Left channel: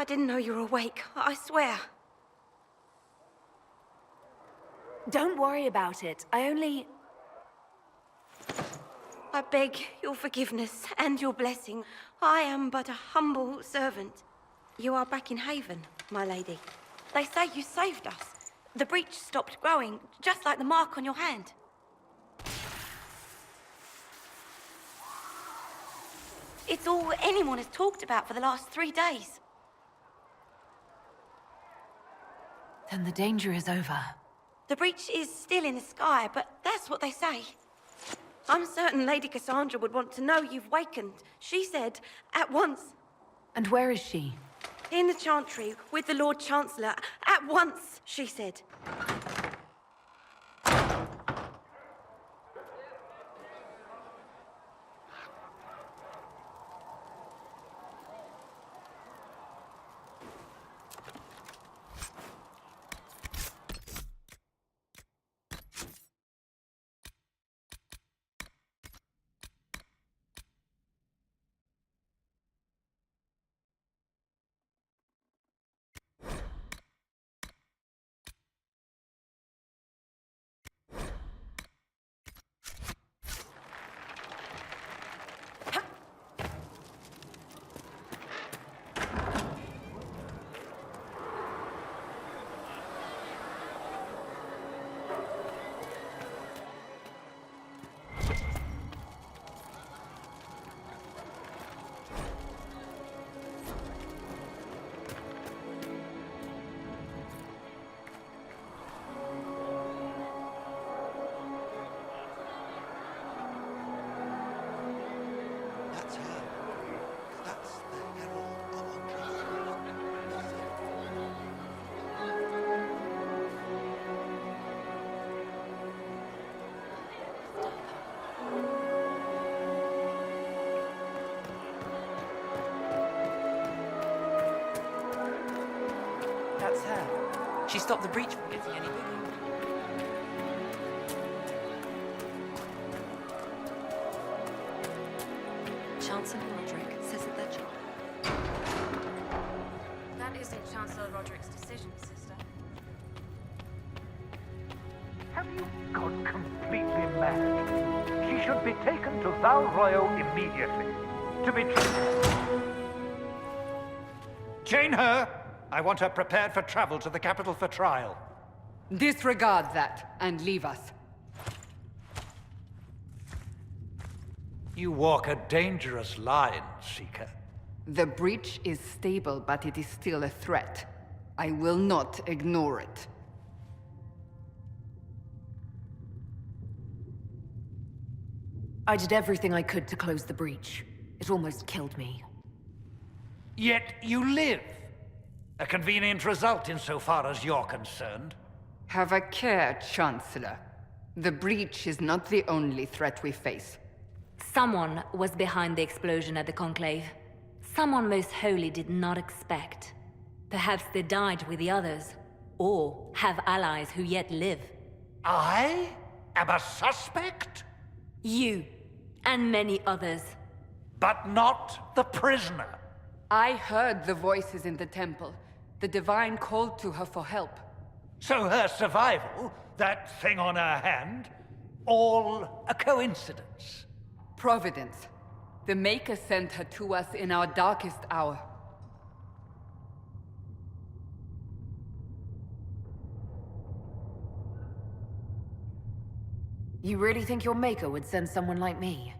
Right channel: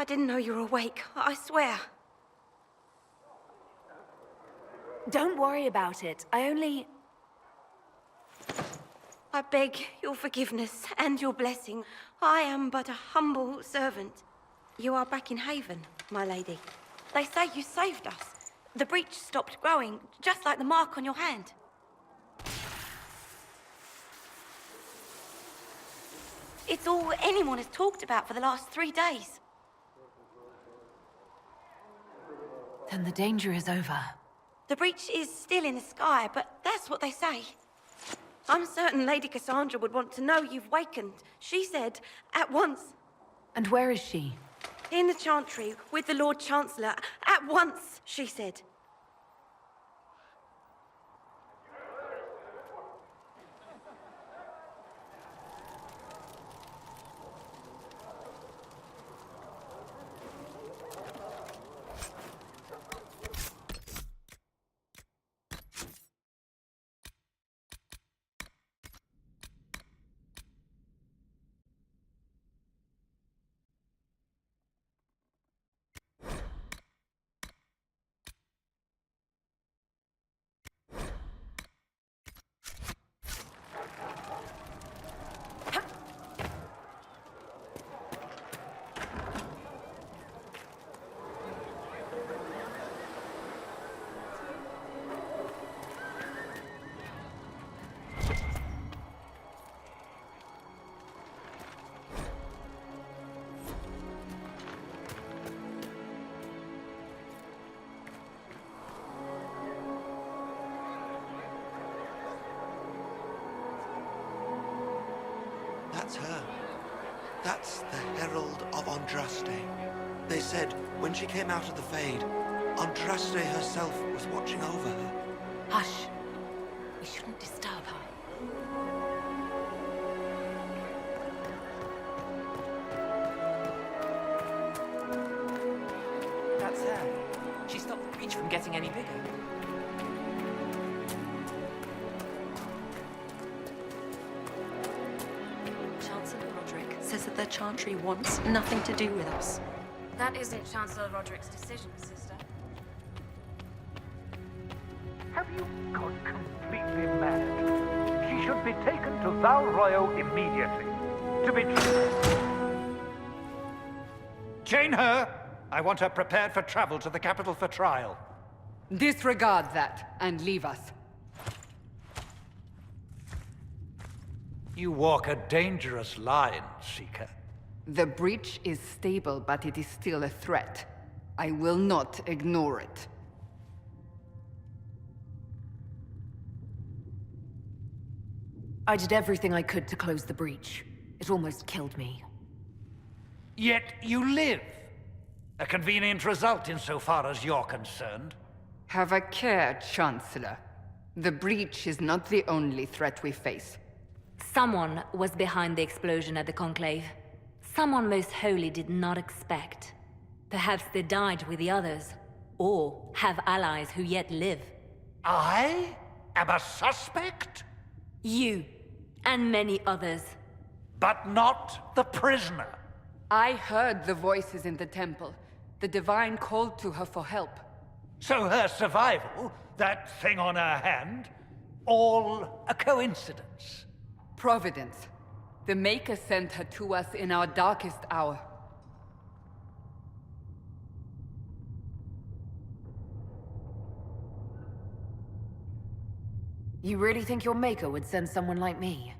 I didn't know you were awake, I swear. Don't worry about it. I beg your forgiveness and your blessing. I am but a humble servant. You are back in Haven, my lady. They say you saved us. The breach stopped growing, just like the mark on your hand. It's all anyone has talked about for the last 3 days. Then the danger is over. The breach is still in the sky, but that's what they say. I'm certain Lady Cassandra would want to know you've wakened. She said, at once. And where is she? In the Chantry, with the Lord Chancellor. At once, she said. That's her. That's the Herald of Andraste. They said when she came out of the Fade, Andraste herself was watching over her. Hush. We shouldn't disturb her. That's her. She stopped the breach from getting any bigger. Chancellor Roderick says that the Chantry wants nothing to do with us. That isn't Chancellor Roderick's decision, sister. Have you gone completely mad? She should be taken to Val Royo immediately. To be chain her! I want her prepared for travel to the capital for trial. Disregard that and leave us. You walk a dangerous line, Seeker. The breach is stable, but it is still a threat. I will not ignore it. I did everything I could to close the breach. It almost killed me. Yet you live. A convenient result insofar as you're concerned. Have a care, Chancellor. The breach is not the only threat we face. Someone was behind the explosion at the Conclave. Someone most holy did not expect. Perhaps they died with the others, or have allies who yet live. I am a suspect? You, and many others. But not the prisoner. I heard the voices in the temple. The Divine called to her for help. So her survival, that thing on her hand, all a coincidence. Providence. The Maker sent her to us in our darkest hour. You really think your Maker would send someone like me?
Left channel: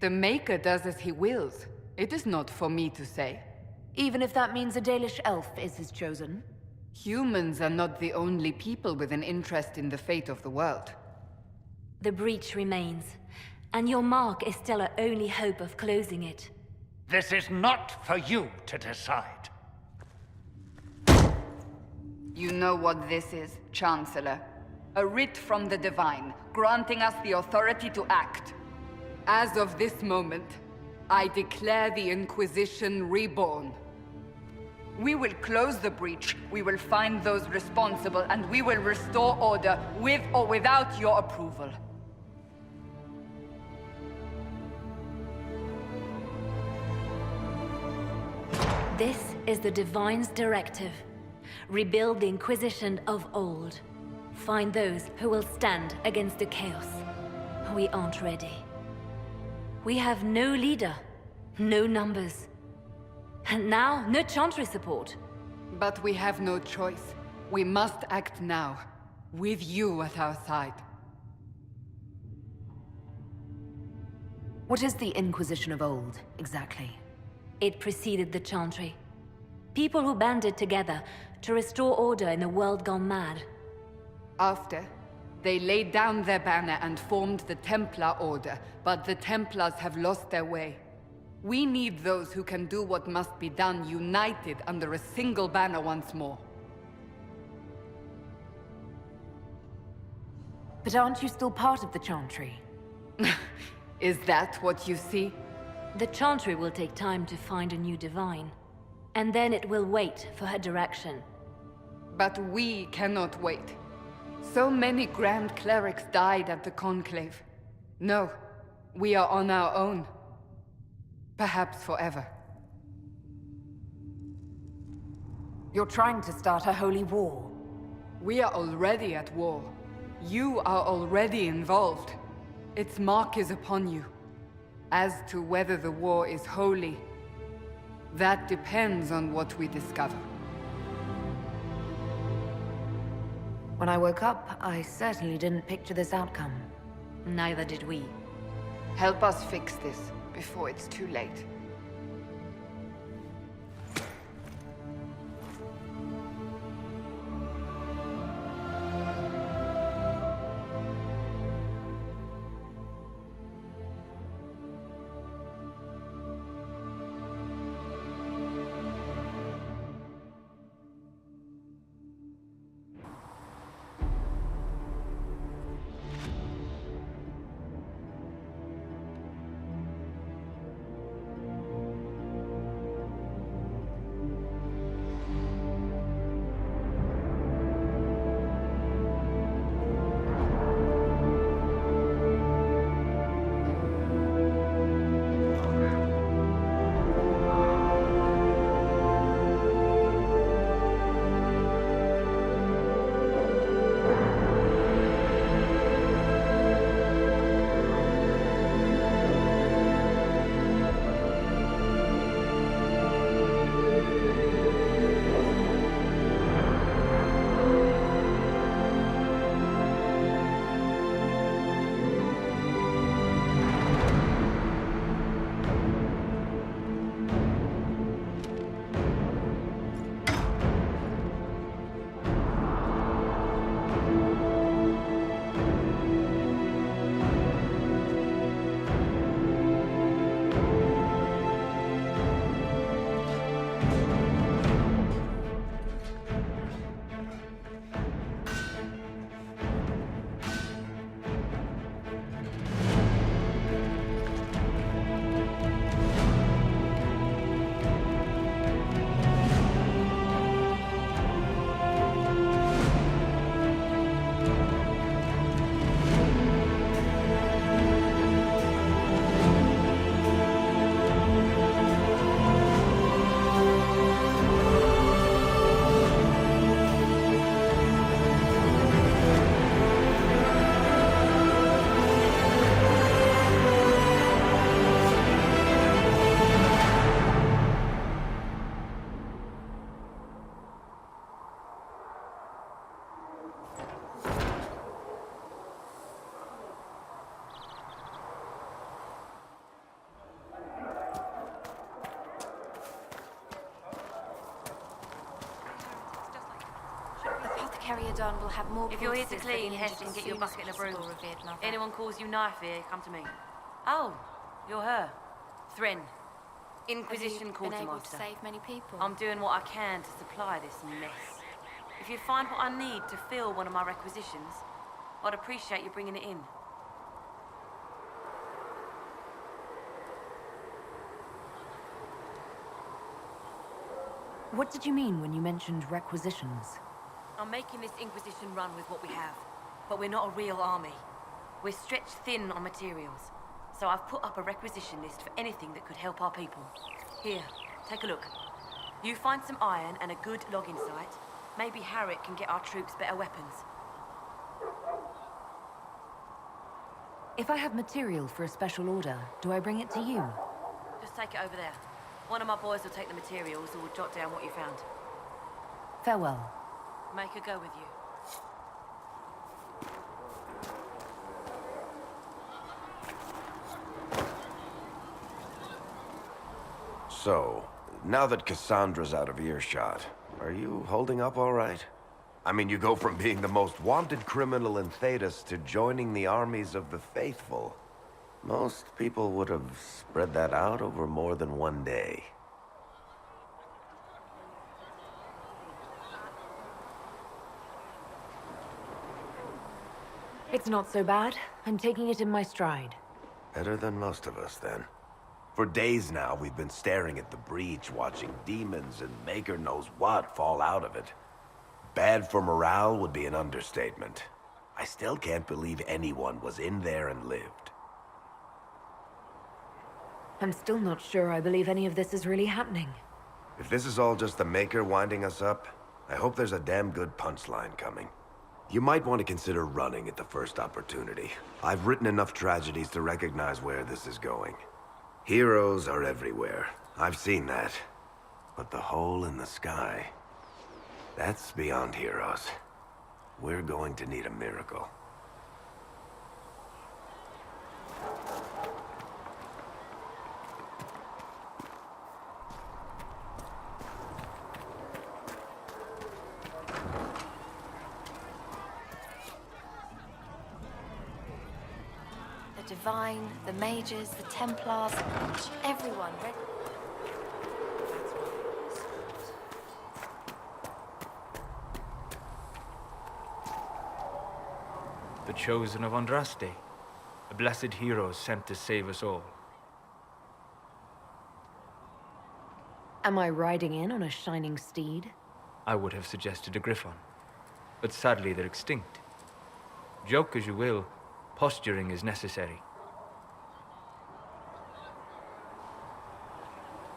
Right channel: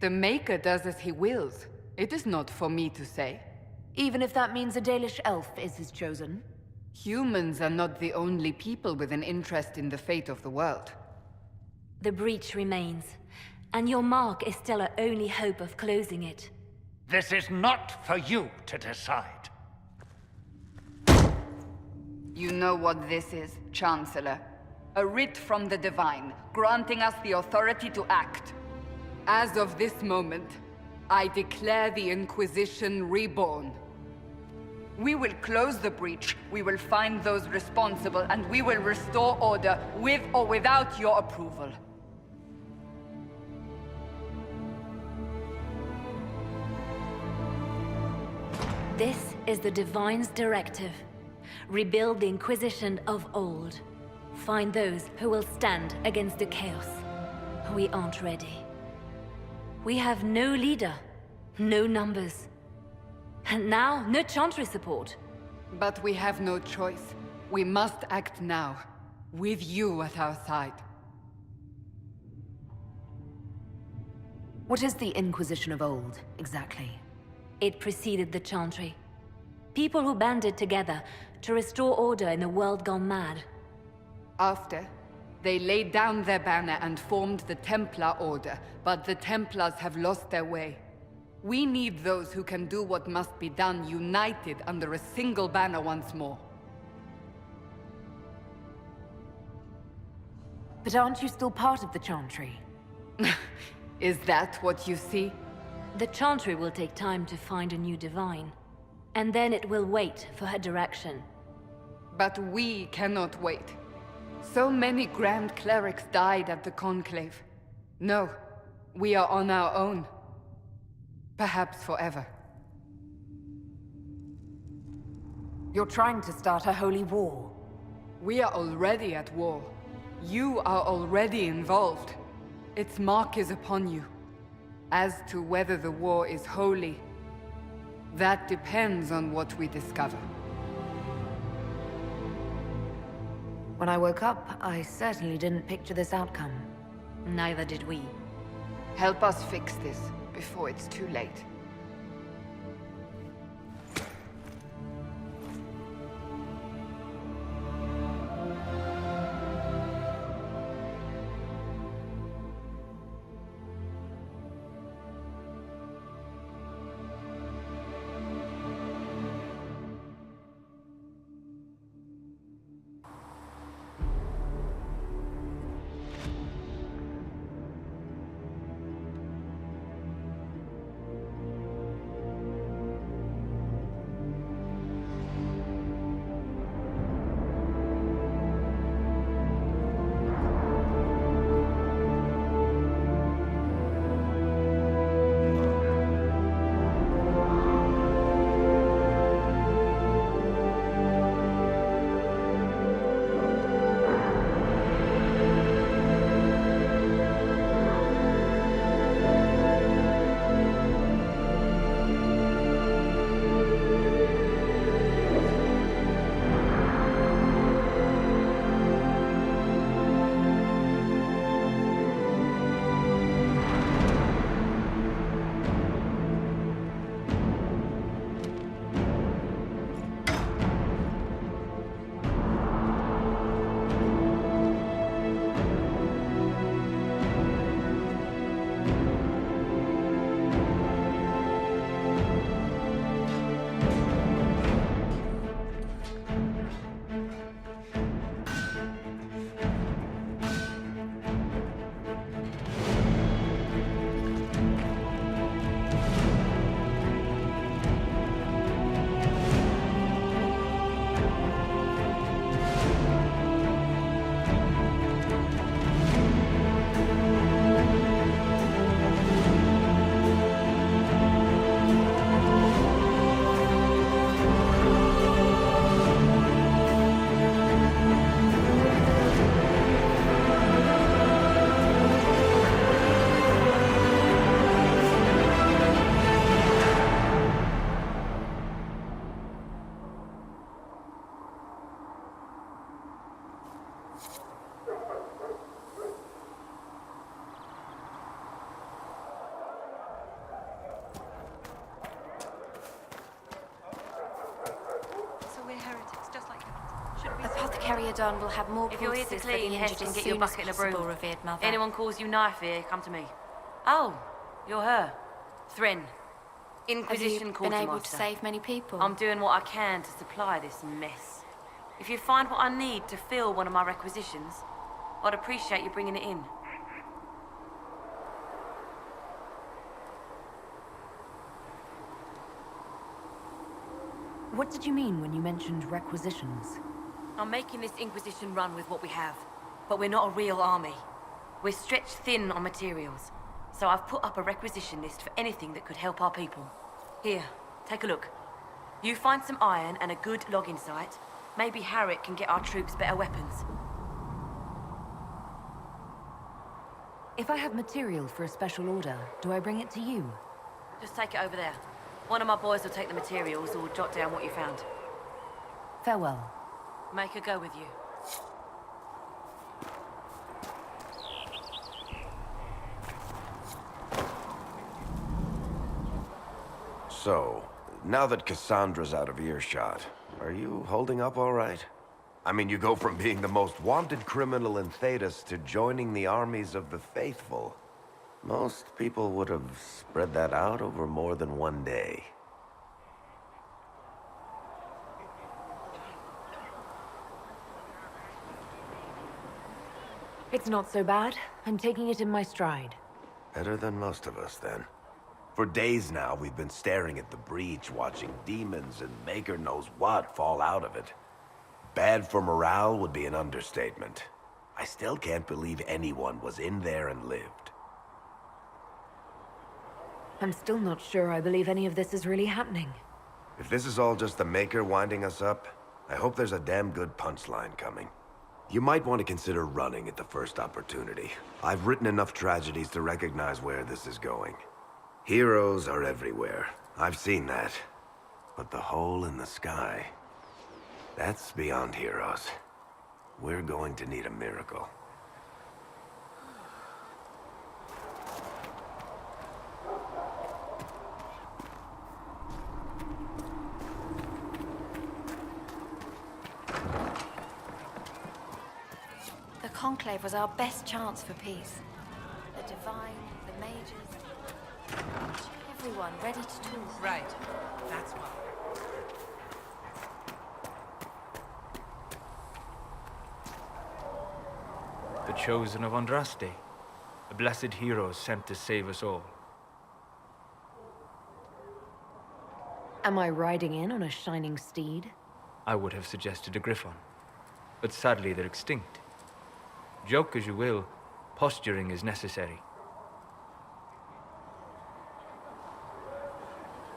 The Maker does as he wills. It is not for me to say. Even if that means a Dalish elf is his chosen? Humans are not the only people with an interest in the fate of the world. The breach remains, and your mark is still our only hope of closing it. This is not for you to decide. You know what this is, Chancellor. A writ from the Divine, granting us the authority to act. As of this moment, I declare the Inquisition reborn. We will close the breach, we will find those responsible, and we will restore order, with or without your approval. This is the Divine's directive. Rebuild the Inquisition of old. Find those who will stand against the chaos. We aren't ready. We have no leader, no numbers. And now, no Chantry support. But we have no choice. We must act now, with you at our side. What is the Inquisition of old, exactly? It preceded the Chantry. People who banded together to restore order in a world gone mad. After, they laid down their banner and formed the Templar Order, but the Templars have lost their way. We need those who can do what must be done, united under a single banner once more. But aren't you still part of the Chantry? Is that what you see? The Chantry will take time to find a new Divine. And then it will wait for her direction. But we cannot wait. So many Grand Clerics died at the Conclave. No, we are on our own. Perhaps forever. You're trying to start a holy war. We are already at war. You are already involved. Its mark is upon you. As to whether the war is holy, that depends on what we discover. When I woke up, I certainly didn't picture this outcome. Neither did we. Help us fix this before it's too late. Carrier Don will have more If you're here to corpses for the clean, injured Heston, as get your soon as bucket and a broom. possible, revered mother. Anyone calls you knife here, come to me. Oh, you're her. Thren. Inquisition Have you been able to Quartermaster. save many people? I'm doing what I can to supply this mess. If you find what I need to fill one of my requisitions, I'd appreciate you bringing it in. What did you mean when you mentioned requisitions? I'm making this Inquisition run with what we have, but we're not a real army. We're stretched thin on materials, so I've put up a requisition list for anything that could help our people. Here, take a look. You find some iron and a good logging site. Maybe Harriet can get our troops better weapons. If I have material for a special order, do I bring it to you? Just take it over there. One of my boys will take the materials or jot down what you found. Farewell. Make her go with you. So, now that Cassandra's out of earshot, are you holding up all right? I mean, you go from being the most wanted criminal in Thedas to joining the armies of the faithful. Most people would have spread that out over more than one day. It's not so bad. I'm taking it in my stride. Better than most of us, then. For days now, we've been staring at the breach, watching demons and maker knows what fall out of it. Bad for morale would be an understatement. I still can't believe anyone was in there and lived. I'm still not sure I believe any of this is really happening. If this is all just the Maker winding us up, I hope there's a damn good punchline coming. You might want to consider running at the first opportunity. I've written enough tragedies to recognize where this is going. Heroes are everywhere. I've seen that. But the hole in the sky, that's beyond heroes. We're going to need a miracle. The Conclave was our best chance for peace. The Divine, the Mages, the Templars, everyone ready to talk. Right. That's why. The chosen of Andraste, a blessed hero sent to save us all. Am I riding in on a shining steed? I would have suggested a griffon, but sadly they're extinct. Joke as you will, posturing is necessary.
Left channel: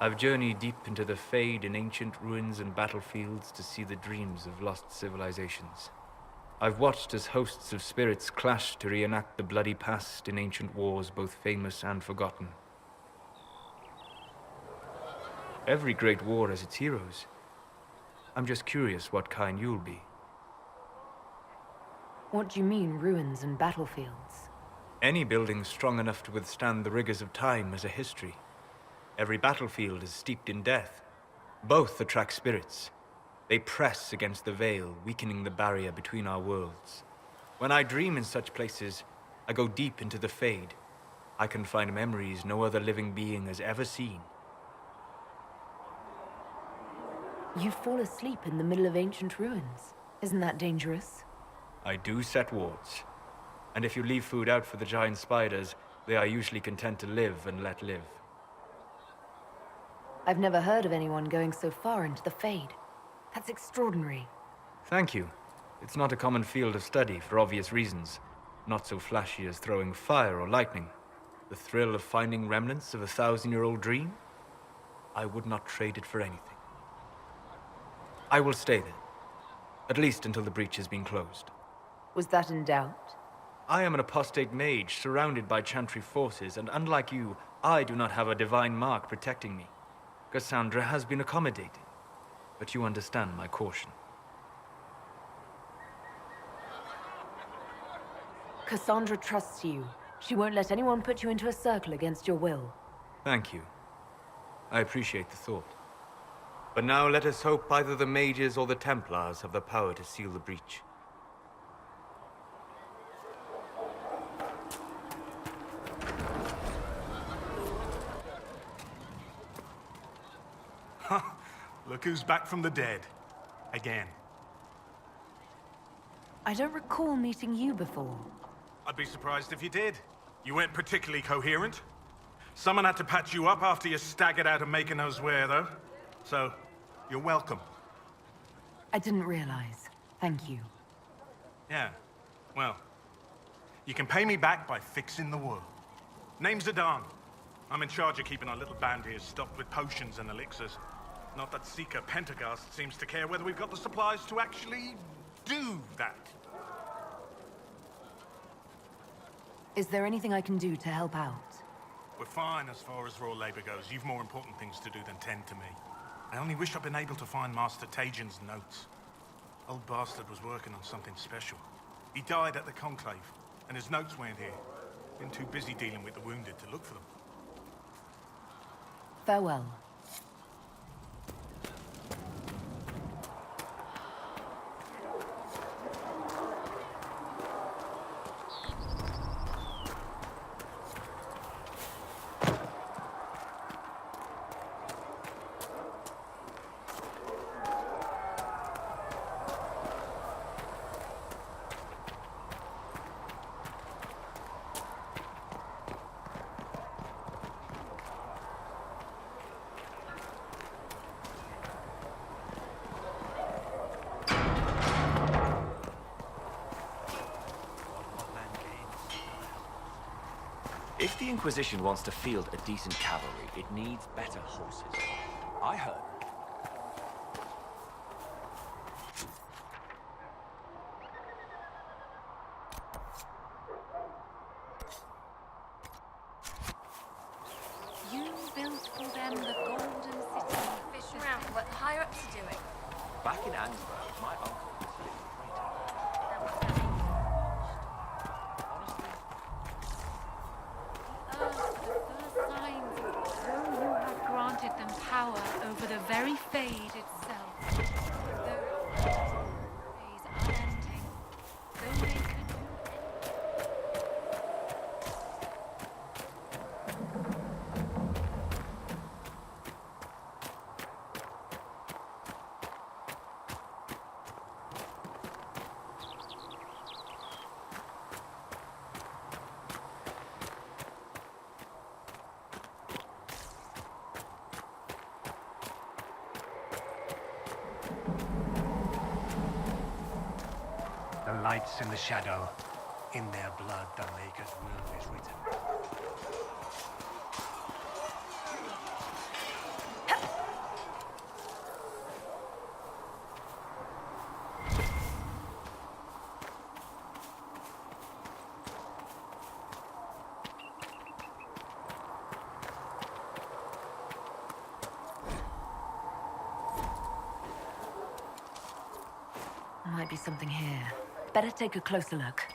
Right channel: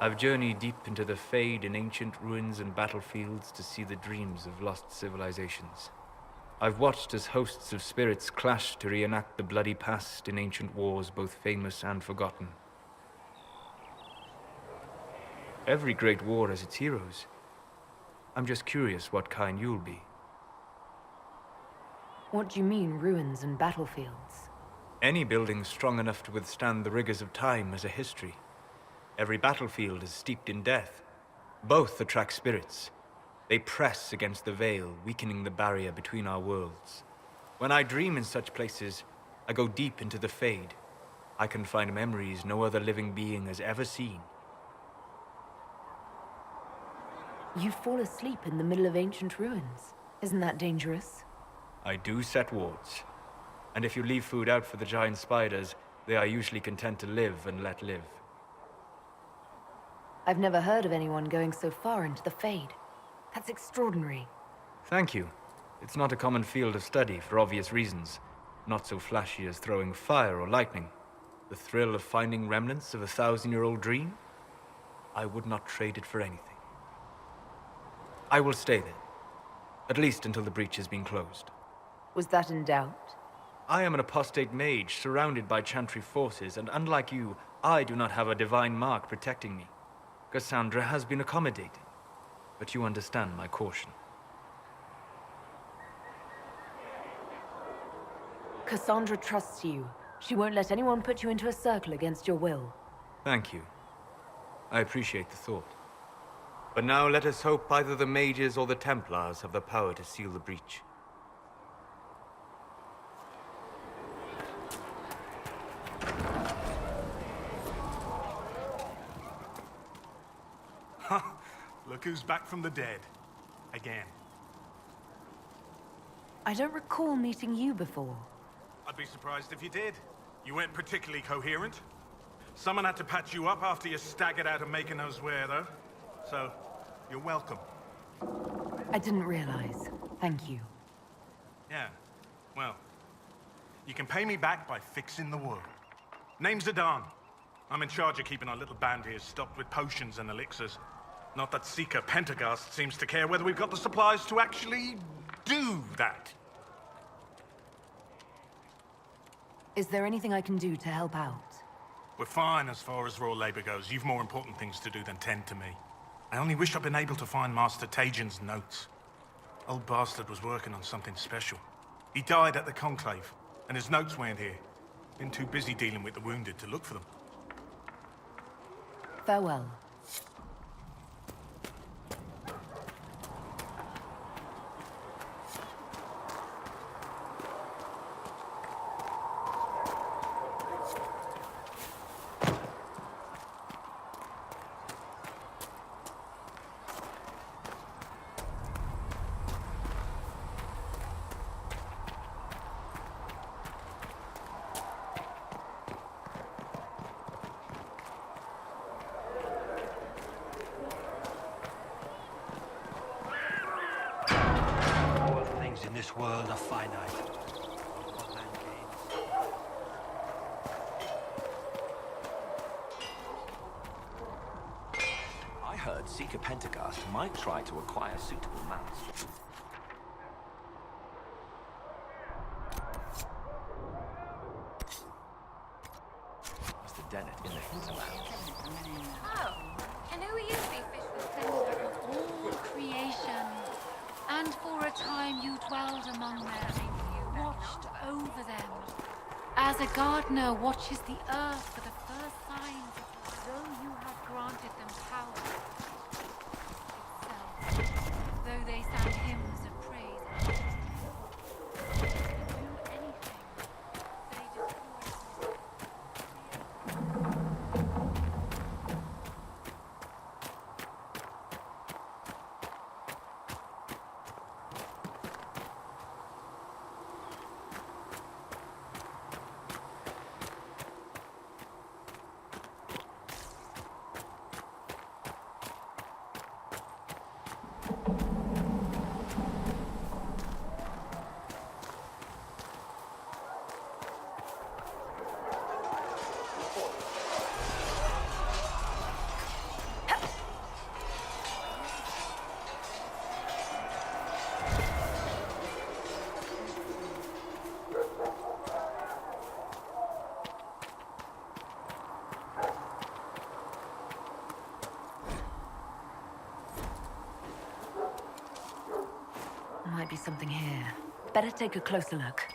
I've journeyed deep into the Fade in ancient ruins and battlefields to see the dreams of lost civilizations. I've watched as hosts of spirits clash to reenact the bloody past in ancient wars both famous and forgotten. Every great war has its heroes. I'm just curious what kind you'll be. What do you mean, ruins and battlefields? Any building strong enough to withstand the rigors of time has a history. Every battlefield is steeped in death. Both attract spirits. They press against the veil, weakening the barrier between our worlds. When I dream in such places, I go deep into the Fade. I can find memories no other living being has ever seen. You fall asleep in the middle of ancient ruins. Isn't that dangerous? I do set wards. And if you leave food out for the giant spiders, they are usually content to live and let live. I've never heard of anyone going so far into the Fade. That's extraordinary. Thank you. It's not a common field of study for obvious reasons. Not so flashy as throwing fire or lightning. The thrill of finding remnants of a 1,000-year-old dream? I would not trade it for anything. I will stay there. At least until the breach has been closed. Was that in doubt? I am an apostate mage surrounded by Chantry forces, and unlike you, I do not have a divine mark protecting me. Cassandra has been accommodating, but you understand my caution. Cassandra trusts you. She won't let anyone put you into a circle against your will. Thank you. I appreciate the thought. But now let us hope either the mages or the Templars have the power to seal the breach. Look who's back from the dead. Again. I don't recall meeting you before. I'd be surprised if you did. You weren't particularly coherent. Someone had to patch you up after you staggered out of making knows where, though. So, you're welcome. I didn't realize. Thank you. Yeah, well, you can pay me back by fixing the wound. Name's Adan. I'm in charge of keeping our little band here stocked with potions and elixirs. Not that Seeker Pentagast seems to care whether we've got the supplies to actually do that. Is there anything I can do to help out? We're fine as far as raw labor goes. You've more important things to do than tend to me. I only wish I'd been able to find Master Tajin's notes. Old bastard was working on something special. He died at the Conclave, and his notes weren't here. Been too busy dealing with the wounded to look for them. Farewell. Things in this world are finite. What man gains. If the Inquisition wants to field a decent cavalry, it needs better horses. I heard Seeker Pentagast might try to acquire suitable mounts. Mr. Dennett. And for a time you dwelled among them, you watched over them. As a gardener watches the earth for the first signs of though you had granted them power over the very fade itself, though they sang hymns of praise unending, though they could do anything. The lights in the shadow. In their blood, the Maker's will is written. Might be something here. Better take a closer look.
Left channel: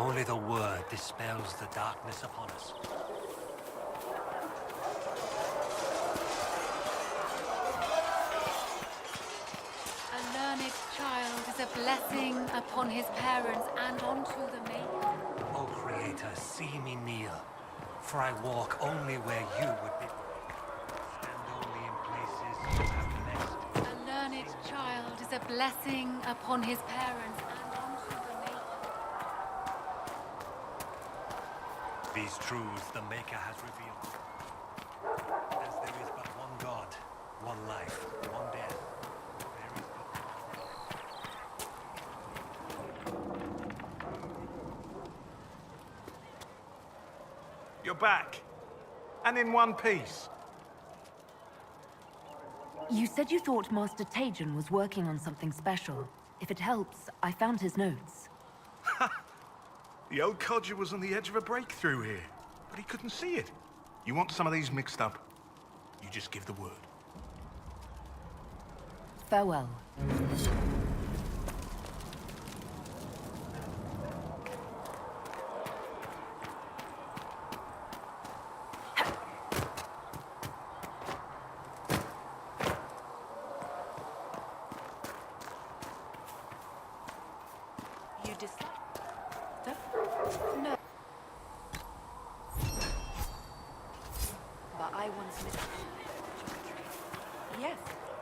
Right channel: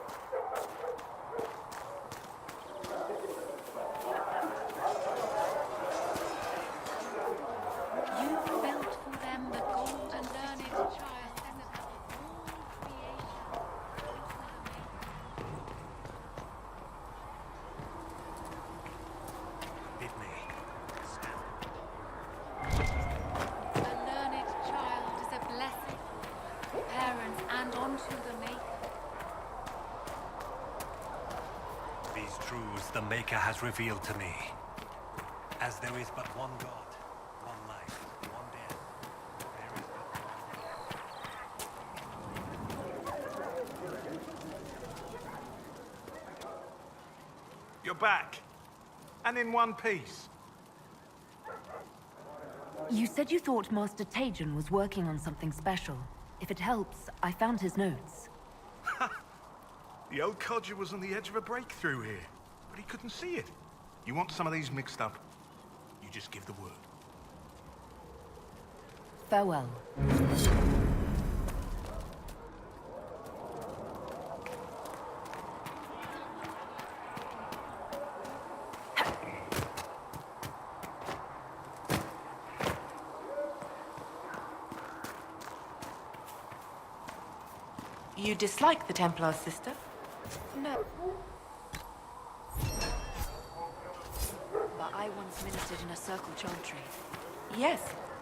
Only the word dispels the darkness upon us. A learned child is a blessing upon his parents and unto the Maker. O Creator, see me kneel, for I walk only where you would bid me. Stand only in places. A learned child is a blessing upon his parents and onto the Maker. These truths the Maker has revealed to me. As there is but one God, one life, one death, there is but one. You're back. And in one piece. You said you thought Master Tajan was working on something special. If it helps, I found his notes. The old codger was on the edge of a breakthrough here, but he couldn't see it. You want some of these mixed up? You just give the word. Farewell. You dislike the Templar's sister? No. But I once ministered in a circle chantry. Yes,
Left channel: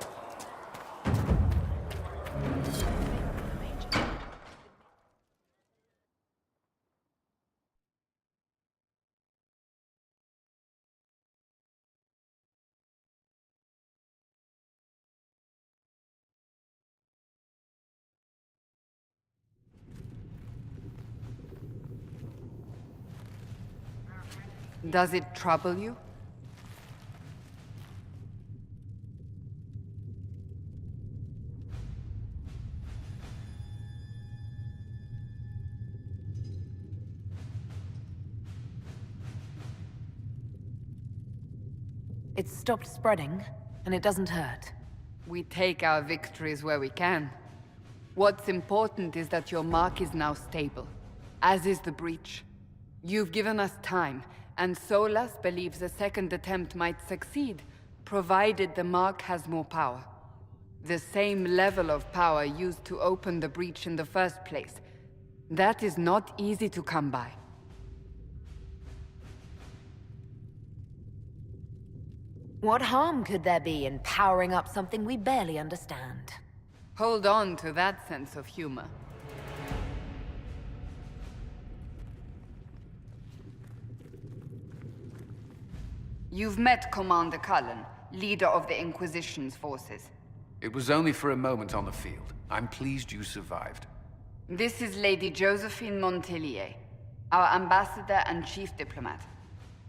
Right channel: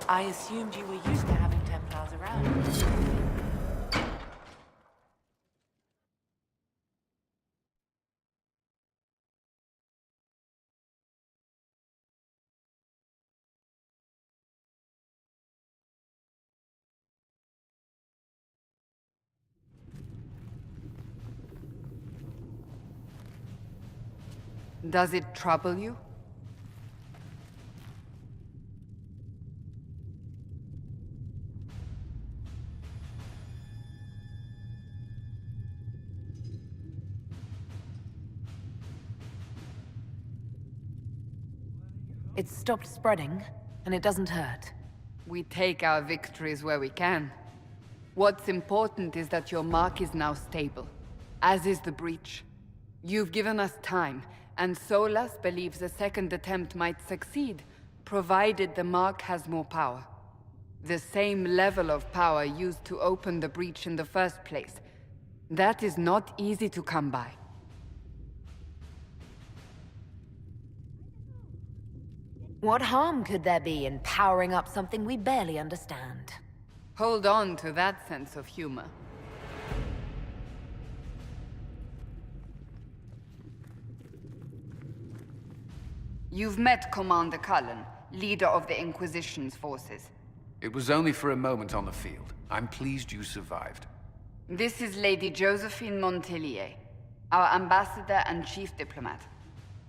I assumed you were used to having Templars around. Does it trouble you? It's stopped spreading, and it doesn't hurt. We take our victories where we can. What's important is that your mark is now stable, as is the breach. You've given us time, and Solas believes a second attempt might succeed, provided the mark has more power. The same level of power used to open the breach in the first place. That is not easy to come by. What harm could there be in powering up something we barely understand? Hold on to that sense of humor. You've met Commander Cullen, leader of the Inquisition's forces. It was only for a moment on the field. I'm pleased you survived. This is Lady Josephine Montelier, our ambassador and chief diplomat.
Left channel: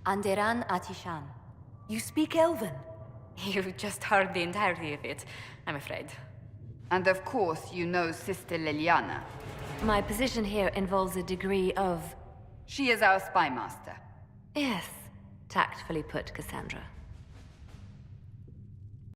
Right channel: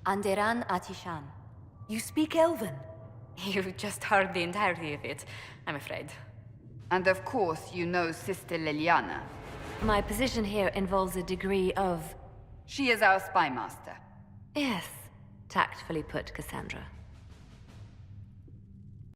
Anderan Atishan. You speak Elven? You've just heard the entirety of it, I'm afraid. And of course, you know Sister Liliana. My position here involves a degree of... She is our spy master. Yes, tactfully put, Cassandra.